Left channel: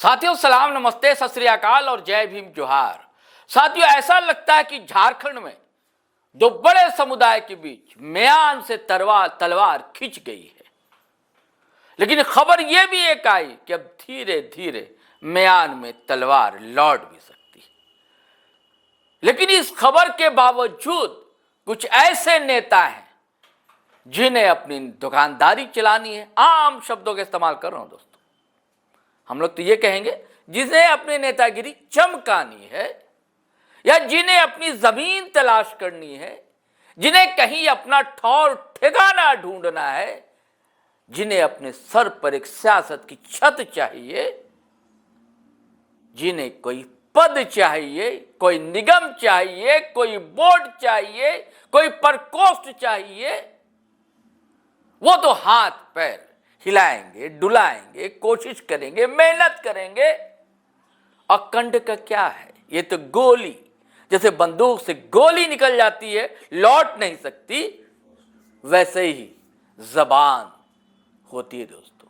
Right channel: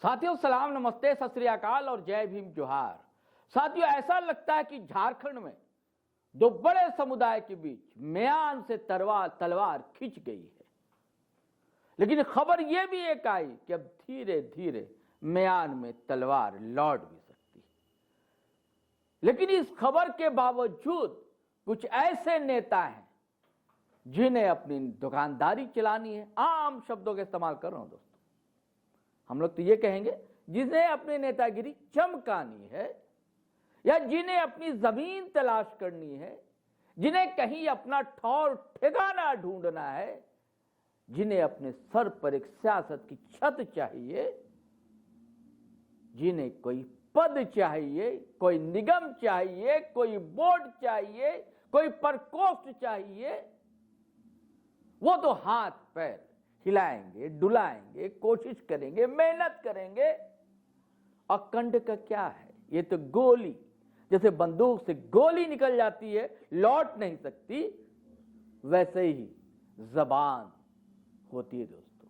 साथियों सलाम, नमस्ते, सत श्री अकाल और जय भीम जोहार। साथियों, ऐसा लगता है कि झारखंड में दो बड़े समुदाय के बीच म्यान से तलवार खिंच गई है। लेकिन खबर यह भी एक आई कि अब धीरे धीरे म्यान में तलवार लौट भी सकती है। लेकिन इस खबर के बावजूद कुछ ऐसे नेता हैं जिन्हें अपनी दुकानदारी चलानी है। आम शब्दों का इस्तेमाल कर रहा हूं दोस्तों, हम लोग तो ये कहेंगे जिन्हें अपनी नेतागिरी चमकानी है, या जिन्हें अपनी जमीन तलाश करनी है, जिन्हें कहीं अपना ठौर ठिकाना ढूंढना है, जिन्हें अपने सर पर एक सियासत की छत चाहिए, जिन्हें कोई पद चाहिए, कोई निगम चाहिए, कोई बोर्ड चाहिए, कोई प्रकोष्ठ चाहिए, वो तो हाथ पैर हिलाएंगे, डुलाएंगे, कोशिश करेंगे, मेहनत करेंगे। अखंड का क्या है? ये तो गोली, जैसे बंदूक से गोली निकल जाती है, लौट नहीं सकती, वैसे ही जबान होती है दोस्तों।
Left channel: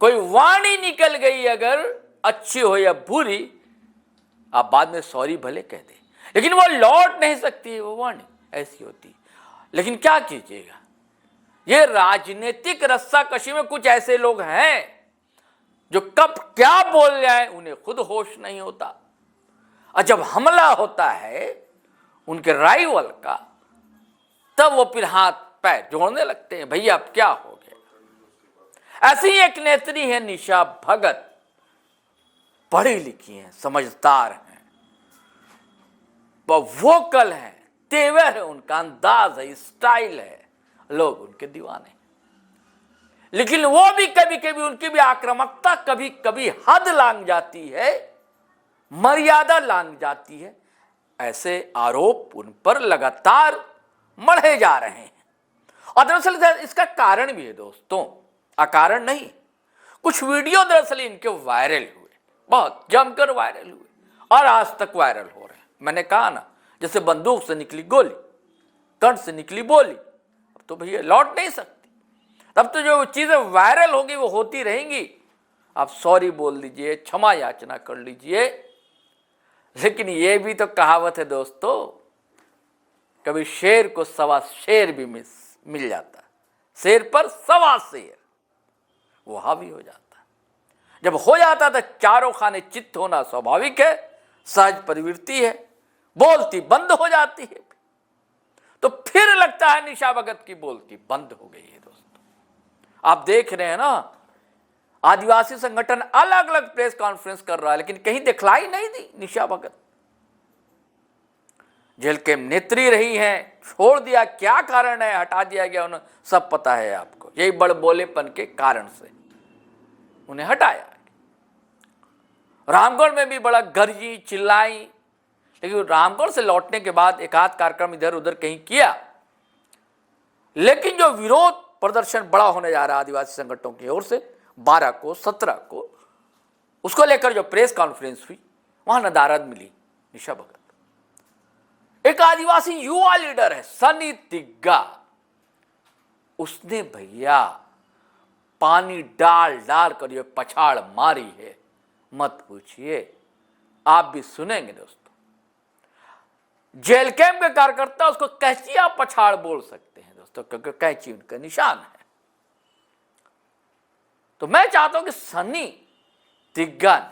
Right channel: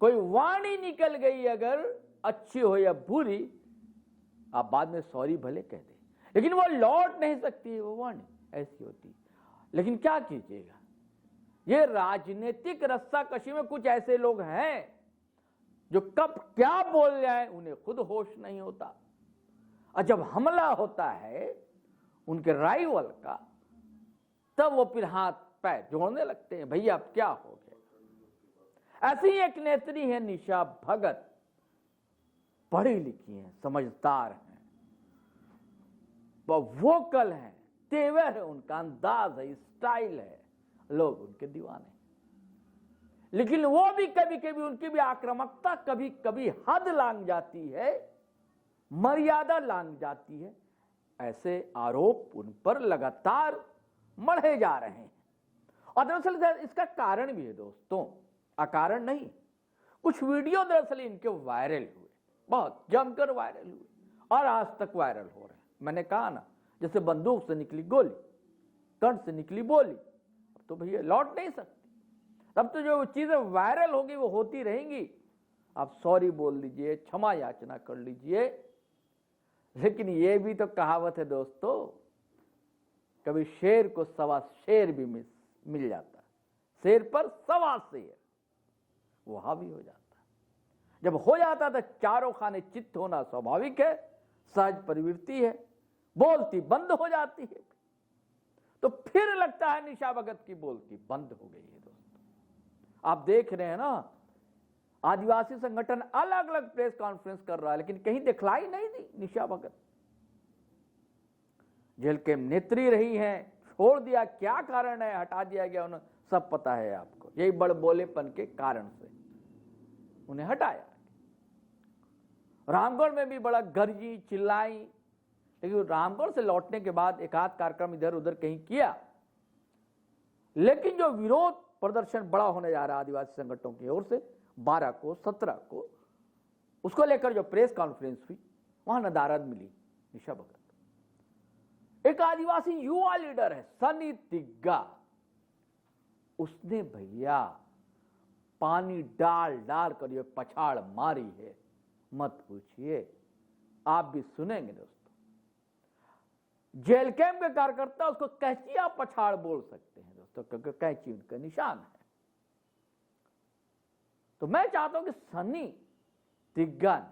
कोई वाणी निकल गई अगर अच्छी हो या बुरी, आप बाद में सॉरी भले कह दें, लेकिन वो लौट नहीं सकती है, वो वाणी ऐसी होती। लेकिन क्या कीजिएगा, ये राजनीतिक रस्साकशी में कुछ ऐसे लोग हैं जो कब क्या बोल जाए उन्हें खुद होश नहीं होता, और जब हमला होता है उनके राइवल का, तब वो फिर हाथ पैर जोड़ने लगते हैं, भैया अब क्या हो गया। ऐसी ही एक नेत्री है निशा भगत, पढ़ी लिखी हैं, समझदार हैं, वो वोकल हैं, तेवर है उनका, अंदाज है, स्टाइल है, लोग उनके दीवाने। लेकिन वो भी कभी कभी उनकी भी आक्रामकता कभी कभी हद लांघ जाती है, मर्यादा लांघ जाती है। ऐसे आरोप उन पर लगातार मढ़े जा रहे हैं, और दरअसल इसका कारण भी है दोस्तों, अकारण नहीं। कुछ वीडियो दरअसल इनके वायरल हुए, बहुत जमकर वायरल हुए, और आज तक वायरल हो रहे हैं। मैंने कहा ना, जैसे बंदूक से निकली गोली, कंठ से निकली बोली, अब तो भैया लौट नहीं सकती। तब तो जो चीजें वायरल होगी वो होती रहेंगी। आप सॉरी बोल दीजिए, क्षमा याचना कर लीजिए, लेकिन ये भी तो कहावत है दोस्तों, कभी शेर को सवा शेर भी मिल जाता, शेर पर सवा शेर, वो हावी हो जाता। जब हो जाता तो चारों खाने चित्त होना स्वाभाविक है, सहज प्रवृत्ति है, बोलती बंद हो जाती है। तो फिर लगता है निशा भगत की बोलती बंद हो गई है दोस्तों। आप देख रहे हैं ना, आदिवासी संगठन अलग अलग प्रेस कॉन्फ्रेंस कर रहा है, लेकिन कहीं दिखलाई नहीं दी निशा भगत। जेल के नेत्री रही हैं, छोड़ दिया, क्या कारण है, हटा दिया गया उन्हें, सब पता है आपको। यही बड़बोलेपन के कारण से उन्हें हटाया। रामगढ़ में भी बड़ा गरजी चिल्लाई, लेकिन रामगढ़ से लौटने के बाद एक आध कार्यक्रम इधर उधर कहीं किया, लेकिन जो विरोध प्रदर्शन बड़ा होने जा रहा है आदिवासी संगठनों की ओर से 12 को 17 को, उसको लेकर जो प्रेस कॉन्फ्रेंस हुई, वहां नदारद मिली निशा भगत। एक आदिवासी युवा लीडर है सनी तिग्गा, उसने भैया पानी डाल डाल कर ये पछाड़ मारी है, मत पूछिए, आप भी सुनेंगे दोस्तों। जेल कैंप के कार्यकर्ता उसको कैंचिया पछाड़ बोल सकते हैं दोस्तों, क्योंकि कैंची उनका निशान है। तो मैं चाहता हूं कि सनी तिग्गा ने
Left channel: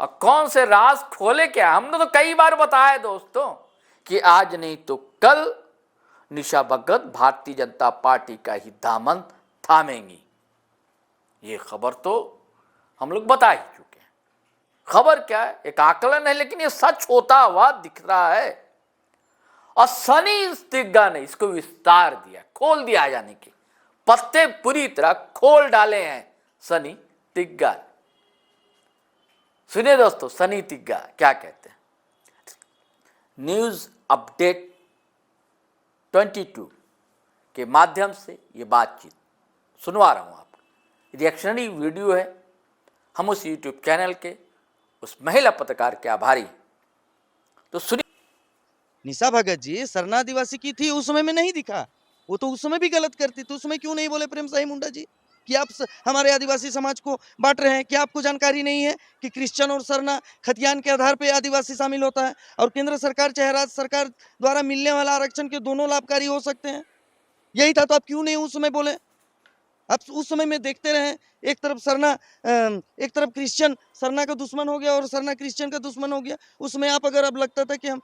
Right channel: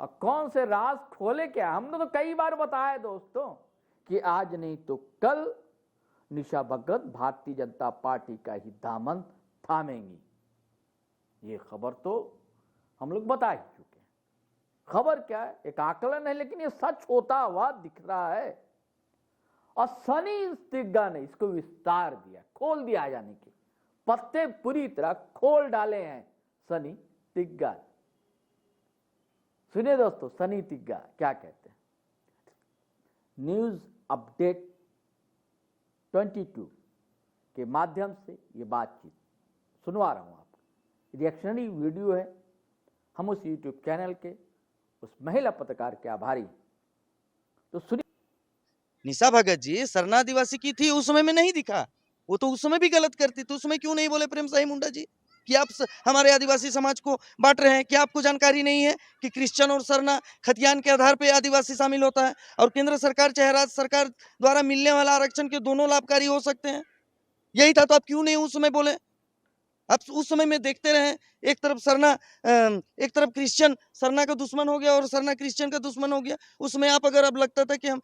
और कौन से राज खोले क्या। हमने तो कई बार बताया दोस्तों कि आज नहीं तो कल निशा भगत भारतीय जनता पार्टी का ही दामन थामेंगी। ये खबर तो हम लोग बता ही चुके हैं। खबर क्या है, एक आकलन है, लेकिन ये सच होता हुआ दिख रहा है। और सनी तिग्गा ने इसको विस्तार दिया, खोल दिया, यानी कि पत्ते पूरी तरह खोल डाले हैं सनी तिग्गा। सुनिए दोस्तों, सनी तिग्गा क्या कहते हैं। न्यूज अपडेट 22 के माध्यम से ये बातचीत सुनवा रहा हूं आपको। रिएक्शनरी वीडियो है, हम उस यूट्यूब चैनल के उस महिला पत्रकार के आभारी हैं। तो सुनिए। निशा भगत जी सरना आदिवासी की थी, उस समय में नहीं दिखा, वो तो उस समय भी गलत करती थी, उस समय क्यों नहीं बोले प्रेम साई मुंडा जी? कि आप हमारे आदिवासी समाज को बांट रहे हैं? क्या आपको जानकारी नहीं है कि क्रिश्चियन और सरना खतियान के आधार पे आदिवासी शामिल होता है और केंद्र सरकार चाहे राज्य सरकार द्वारा मिलने वाला आरक्षण के दोनों लाभकारी हो सकते हैं? यही था तो आप क्यों नहीं उस समय बोले? आप उस समय में देखते रहे, एक तरफ सरना एक तरफ क्रिश्चियन सरना का दुश्मन हो गया और सरना क्रिश्चियन का दुश्मन हो गया। उसमें आप अगर अब लगता था कि हम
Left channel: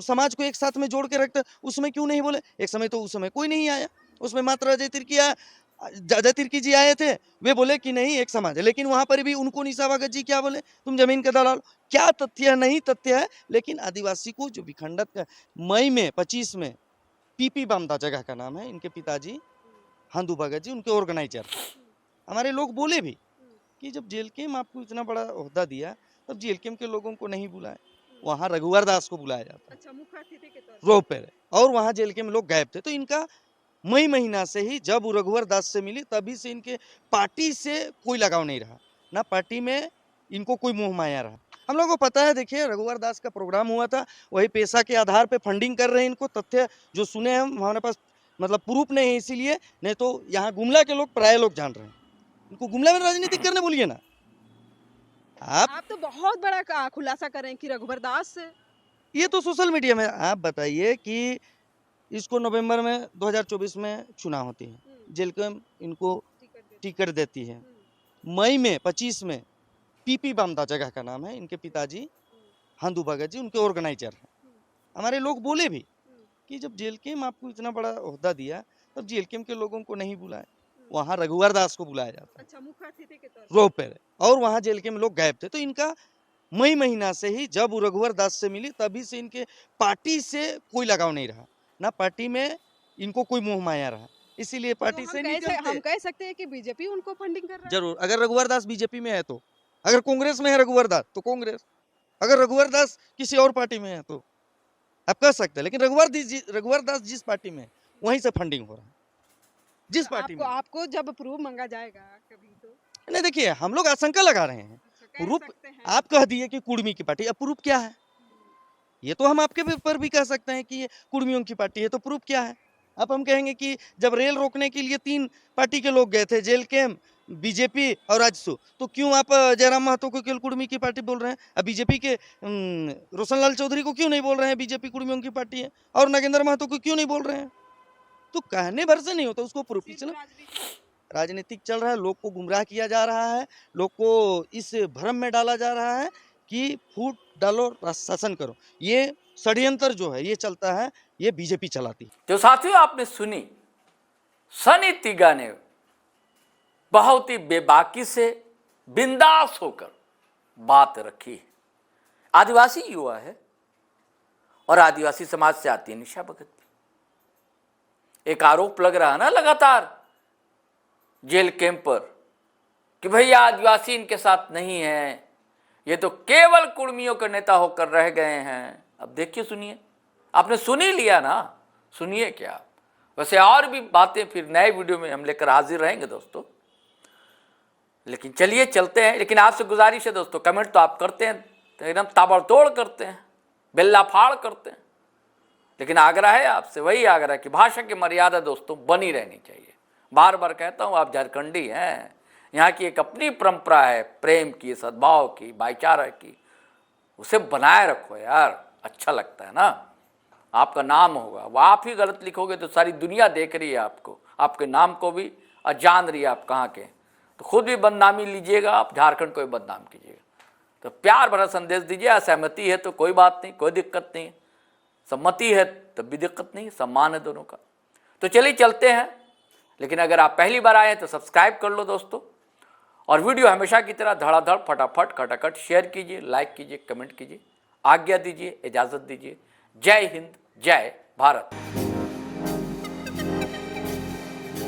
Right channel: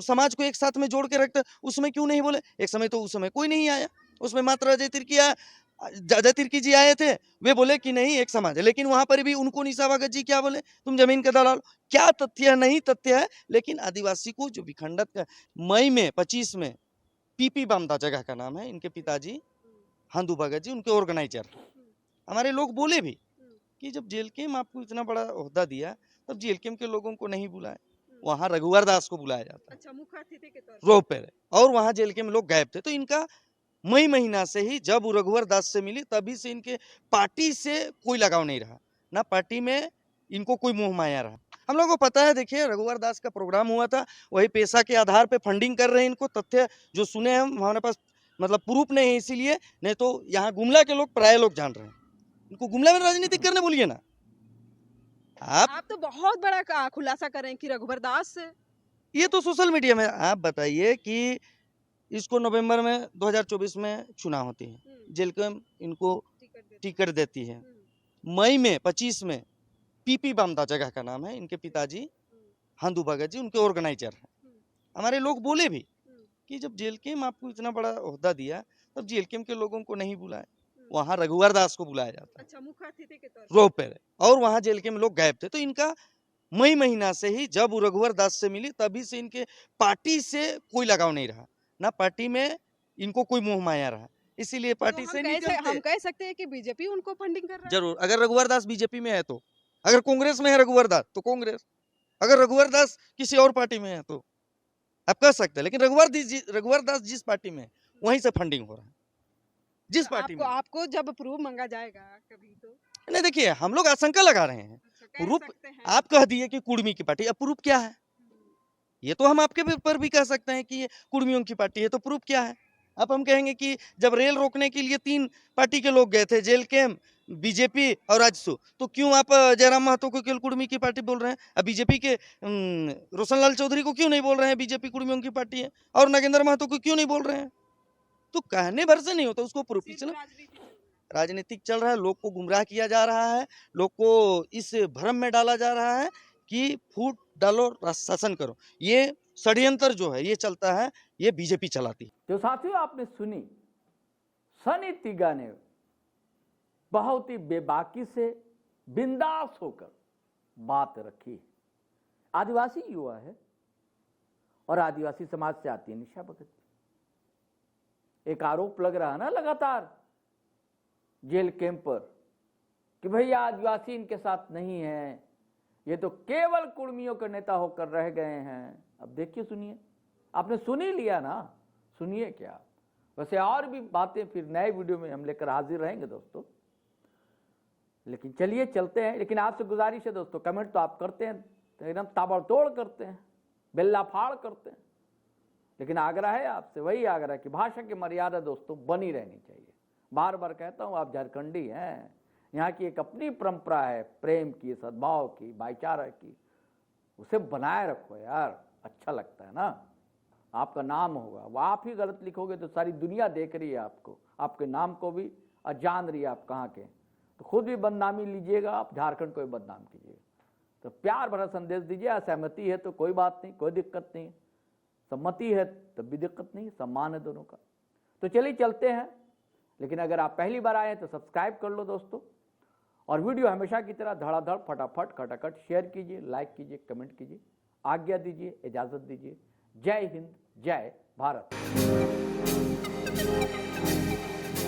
समाज को एक साथ में जोड़ के रखते, उसमें क्यों नहीं बोले? एक समय तो उस समय कोई नहीं आया, उसमें मात्र अजय तिर्की जी आए थे, वे बोले कि नहीं एक समाज है, लेकिन वहां पर भी उनको निशा भगत जी क्या बोले? तुम जमीन का दलाल। क्या तथ्य है? नहीं तथ्य है, लेकिन आदिवासी को जो विखंडित का मई में 25 में पीपी बामदा जगह का नाम है, इनके पिताजी हांदू भगत जी उनके ऑर्गेनाइजर थे। हमारे लोग बोले भी कि जब जेलकेम आपको इतना बड़ा ओहदा दिया तब जेलकेम के लोगों को नहीं बुलाए, वहां रघुवर दास को बुलाया जाता है। अच्छा, मुख्य अतिथि के तौर रोप पे और वहां जेलकेम लोग गायब थे। तो इनका मई महीना से ही जब वो रघुवर दास से मिली तभी से इनके पार्टी से कोई लगाव नहीं रहा, ना पार्टी में इनको कोई मोह माया रहा। हम लोगों को पता है, देखिए रघुवर दास का प्रोग्राम हुआ था, वही पैसा के आधार पे फंडिंग कर रहे हैं इनको। तथ्य जो सुने हम हमारे पास मतलब प्रूफ नहीं है, इसीलिए नहीं तो यहाँ गुमला के लोग प्राय लोग जान रहे हैं। इनको गुमला में राजनीति करने बोलिए ना आप तो बहुत बड़ा खुलासा करें कि रघुवर दास से ये तो सोशल मीडिया में। आप बताइए कि इसको नवंबर में 2024 में चुनाव होती है, जेलकम इनको टिकट देती है। मई में 25 में पीपी बामदा जगह का नाम है, इनके पिताजी हांदू भगत जी उनके ऑर्गेनाइजर हैं। हमारे लोग बोले भी कि जब जेलकेम आपको इतना बड़ा ओहदा दिया तब जेलकेम के लोगों को नहीं बुलाए, वहां रघुवर दास को बुलाया जाता है। अच्छा, मुख्य अतिथि के तौर रोप पे और वहां जेलकेम लोग गायब थे। तो इनका मई महीना से ही जब वो रघुवर दास से मिली तभी से इनके पार्टी से कोई लगाव नहीं रहा, ना पार्टी में इनको कोई मोह माया रहा, इसीलिए पार्टी से नहीं हम चलते। कह सकते हैं कि बीजेपी उनको फंडिंग कर रहा है। जरूर, अगर रघुवर दास बीजेपी में है तो, अगर कांग्रेस में है रघुवर दास तो कांग्रेस, अगर रघुवर दास किसी और पार्टी में है तो आप कह सकते हैं। लेकिन रघुवर दास जिस पार्टी में है वहीं से फंडिंग हो रहा है, जिस पार्टी में। आपको जब प्रूफ मांगा जाएगा कभी तो नहीं देखिए, हम लोग आशंका लगा रहे हैं। अच्छा, कह प्रूफ सकते हैं। आप कह दिए कि कुर्मी की पार्टी, अब प्रूफ क्या है? ये तो हम आपके ऊपर भी कह सकते हैं कि ये कुर्मियों की पार्टी है, तो प्रूफ क्या है? अब हम कहेंगे कि जब रेल रोकने के लिए 3 पार्टी के लोग गए थे, जेलकेम, बीजेपी और आजसू, तो क्यों आप जयराम महतो को केवल कुर्मी की पार्टी बोल रहे हैं? अब बीजेपी के रोशनलाल चौधरी को क्यों नहीं बोल रहे हैं बीजेपी कुर्मियों की पार्टी है, और नागेंद्र महतो को क्यों नहीं बोल रहे हैं? तो कहने भर से नहीं होता, उसको प्रूफ चला। राजनीतिक चल रहा है, लोग को गुमराह किया जा रहा है, लोग को इस भ्रम में डाला जा रहा है कि फूट डालो शासन करो। ये षड्यंत्र जो है ये चलता है, ये बीजेपी चलाती है। जो साथियों आपने सुनी, सनी तिगा ने बहुत ही बेबाकी से बिंदास होकर बात रखी। आदिवासी युवा है और आदिवासी समाज से आती है निशा भगत भी। एक आरोप लग रहा है ना लगातार जेल कैंप पर कि भैया आदिवासी इनके साथ नहीं है, ये तो केवल कुर्मियों के नेता होकर रह गए हैं। अब देखिए, सुनिए, आपने सुन ही लिया ना, सुनिए क्या। वैसे और भी बातें फिर नए वीडियो में हम लेकर हाजिर रहेंगे दोस्तों, लेकिन चलिए चलते हैं। लेकिन आपसे गुजारिश है दोस्तों, कमेंट तो आप करते हैं, तो एकदम ताबड़तोड़ करते हैं, बेल्ला फाड़ करते हैं, लेकिन आग्रह है आपसे, वही आग्रह कि भाषा की मर्यादा दोस्तों बनी रहनी चाहिए। बार बार कहता हूँ, आप झारखंडी हैं, यहाँ की एक अपनी परंपरा है प्रेम की, सद्भाव की, भाईचारा की, उसे बनाए रखो यार, अच्छा लगता है ना। आपका नाम होगा, वो आप ही गलत लिखोगे तो सारी दुनिया देख रही है आपको, आपके नाम को भी, और जान रही है आप कहाँ के, तो खुद भी बदनामी लीजिएगा, आप झारखंड को भी बदनाम कीजिएगा। तो प्यार भरा संदेश दीजिए। असहमति है तो कोई बात नहीं, कोई दिक्कत नहीं, सम्मति है तब भी दिक्कत नहीं, सम्मान है दोनों का। तो चलिए चलते हैं। लेकिन अगर आप पहली बार आए हैं तो सब्सक्राइब कर लो दोस्तों, और वीडियो हमेशा की तरह धड़ाधड़ फटाफट खटाखट शेयर कीजिए, लाइक कीजिए, कमेंट कीजिए। आज्ञा दीजिए, इजाज़त दीजिए। जय हिंद, जय भारत।